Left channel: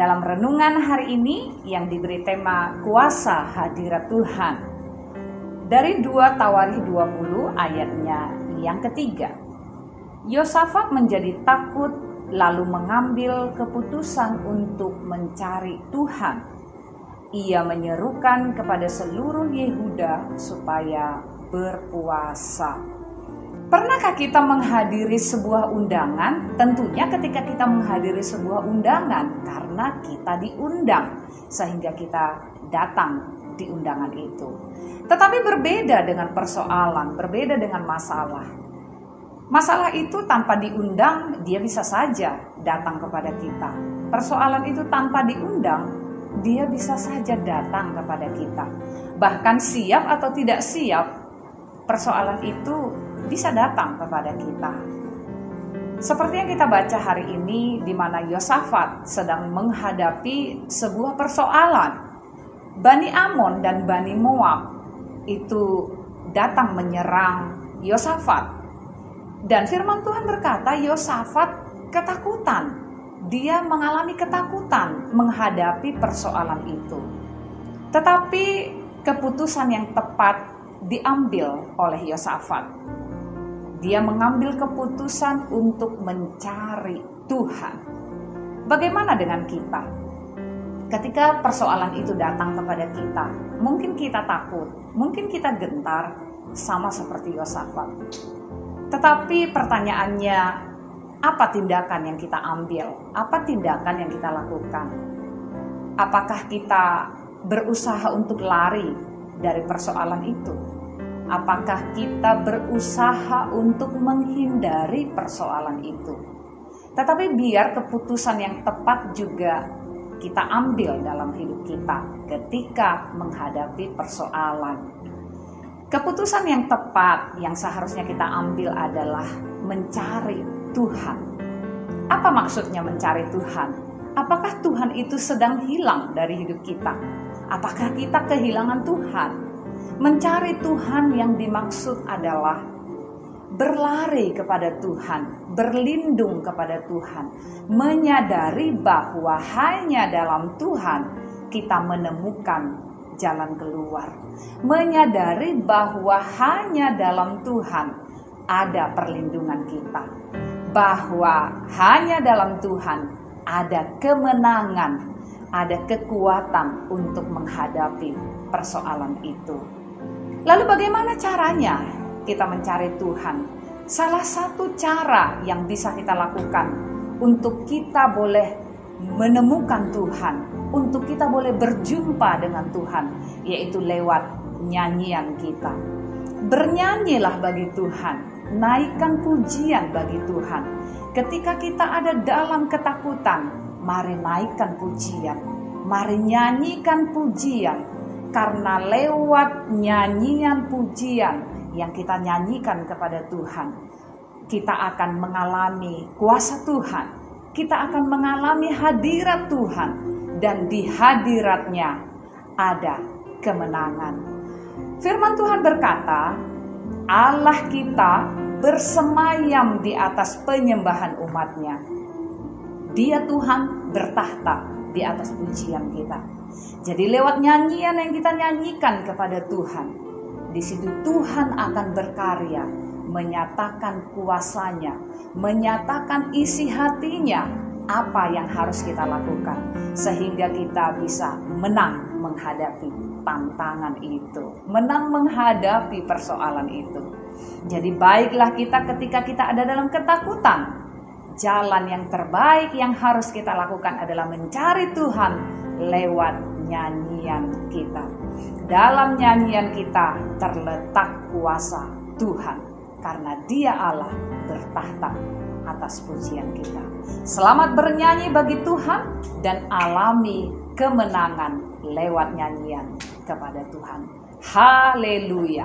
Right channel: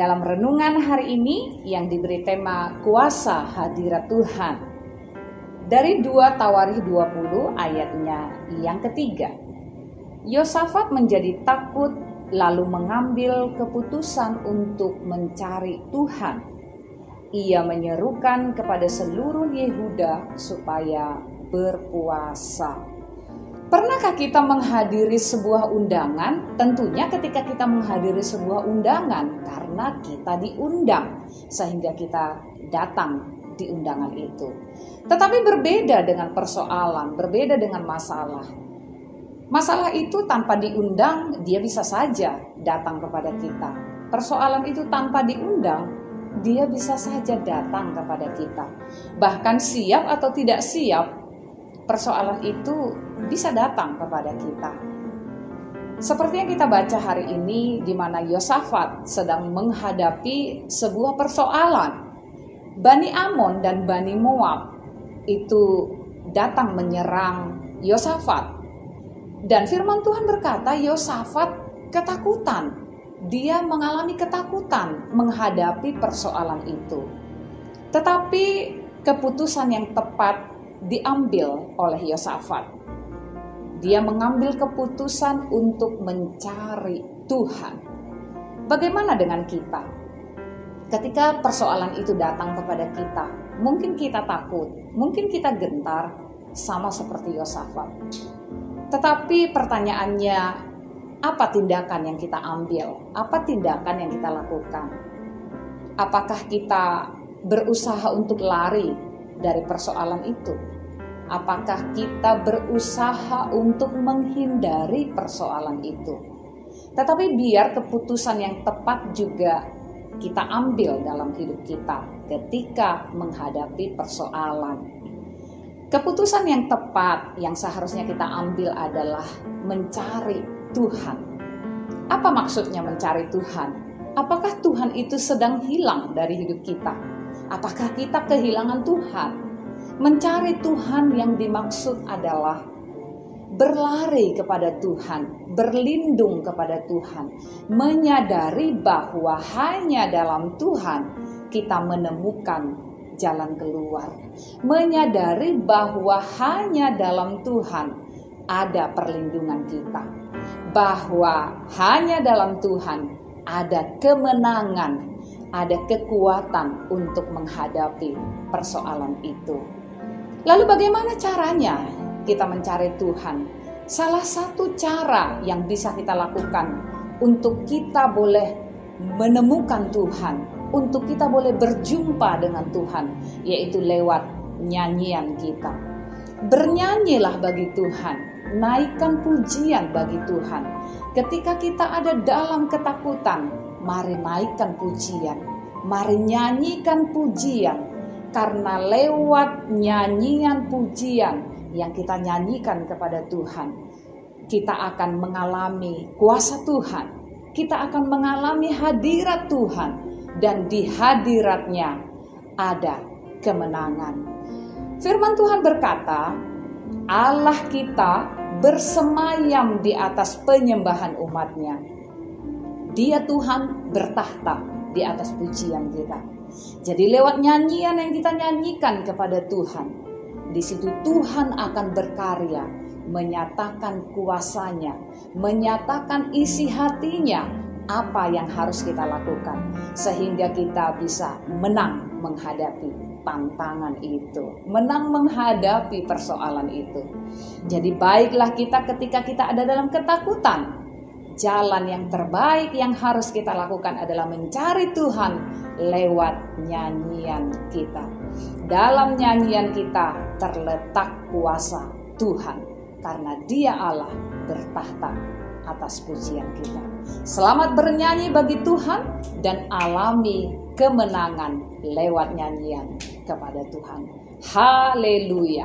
dalam renungan hari ini yang diberi tema Kuasa Hadirat Tuhan. Dari 2 Tawarikh 20 ayatnya yang ketiga. Yosafat menjadi takut lalu mengambil keputusan untuk mencari Tuhan. Ia menyerukan kepada seluruh Yehuda supaya berpuasa. Pernahkah kita menghadiri sebuah undangan? Tentunya ketika kita menghadiri sebuah undangan karena kita diundang sehingga kita datang di undangan itu. Tetapi berbeda dengan persoalan, berbeda dengan masalah. Masalah itu tanpa diundang dia bisa saja datang kepada kita. Persoalan itu tanpa diundang dia bisa saja datang kepada kita. Bahkan siap atau tidak siap, persoalan itu bisa datang kepada kita. Seperti yang kita baca hari ini di mana Yosafat sedang menghadapi sebuah persoalan. Bani Amon dan Bani Moab itu datang menyerang Yosafat. Dan firman Tuhan berkata Yosafat ketakutan. Dia mengalami ketakutan menghadapi persoalan itu. Tetapi keputusan yang tepat diambil oleh Yosafat. Dia mengambil keputusan untuk mencari Tuhan. Bagaimana dengan kita? Ketika persoalan itu datang kepada kita, mungkin kita takut, mungkin kita gentar, sama seperti Yosafat. Tetapi pertanyaannya, apa tindakan yang kita ambil? Apa tindakan yang kita lakukan? Apakah kita berusaha untuk lari dari persoalan itu? Apakah kita berusaha untuk menghindari persoalan itu? Tetapi biar keputusan yang tepat juga kita ambil dalam hidup kita ketika menghadapi persoalan. Keputusan yang tepat yang seharusnya kita ambil adalah mencari Tuhan. Apa maksudnya mencari Tuhan? Apakah Tuhan itu sedang hilang dari hidup kita? Apakah kita kehilangan Tuhan? Mencari Tuhan yang dimaksud adalah berlari kepada Tuhan, berlindung kepada Tuhan, menyadari bahwa hanya dalam Tuhan kita menemukan jalan keluar, menyadari bahwa hanya dalam Tuhan ada perlindungan kita, bahwa hanya dalam Tuhan ada kemenangan, ada kekuatan untuk menghadapi persoalan itu. Lalu bagaimana caranya kita mencari Tuhan? Salah satu cara yang bisa kita lakukan untuk kita boleh menemukan Tuhan, untuk kita boleh berjumpa dengan Tuhan, yaitu lewat nyanyian kita. Bernyanyilah bagi Tuhan, naikkan pujian bagi Tuhan. Ketika kita ada dalam ketakutan, mari naikkan pujian, mari nyanyikan pujian. Karena lewat nyanyian pujian yang kita nyanyikan kepada Tuhan, kita akan mengalami kuasa Tuhan, kita akan mengalami hadirat Tuhan, dan di hadiratnya ada kemenangan. Firman Tuhan berkata, Allah kita bersemayam di atas penyembahan umatnya. Dia Tuhan bertahta di atas pujian kita. Jadi lewat nyanyian yang kita nyanyikan kepada Tuhan, di situ Tuhan akan berkarya, menyatakan kuasanya, menyatakan isi hatinya, apa yang harus kita lakukan, sehingga kita bisa menang menghadapi tantangan itu, menang menghadapi persoalan itu. Jadi baiklah kita ketika kita ada dalam ketakutan, jalan yang terbaik yang harus kita lakukan adalah mencari Tuhan lewat nyanyian kita. Dalam nyanyian kita terletak kuasa Tuhan, karena Dia Allah bertahta atas pujian kita. Selamat bernyanyi bagi Tuhan dan alami kemenangan lewat nyanyian kepada Tuhan. Haleluya.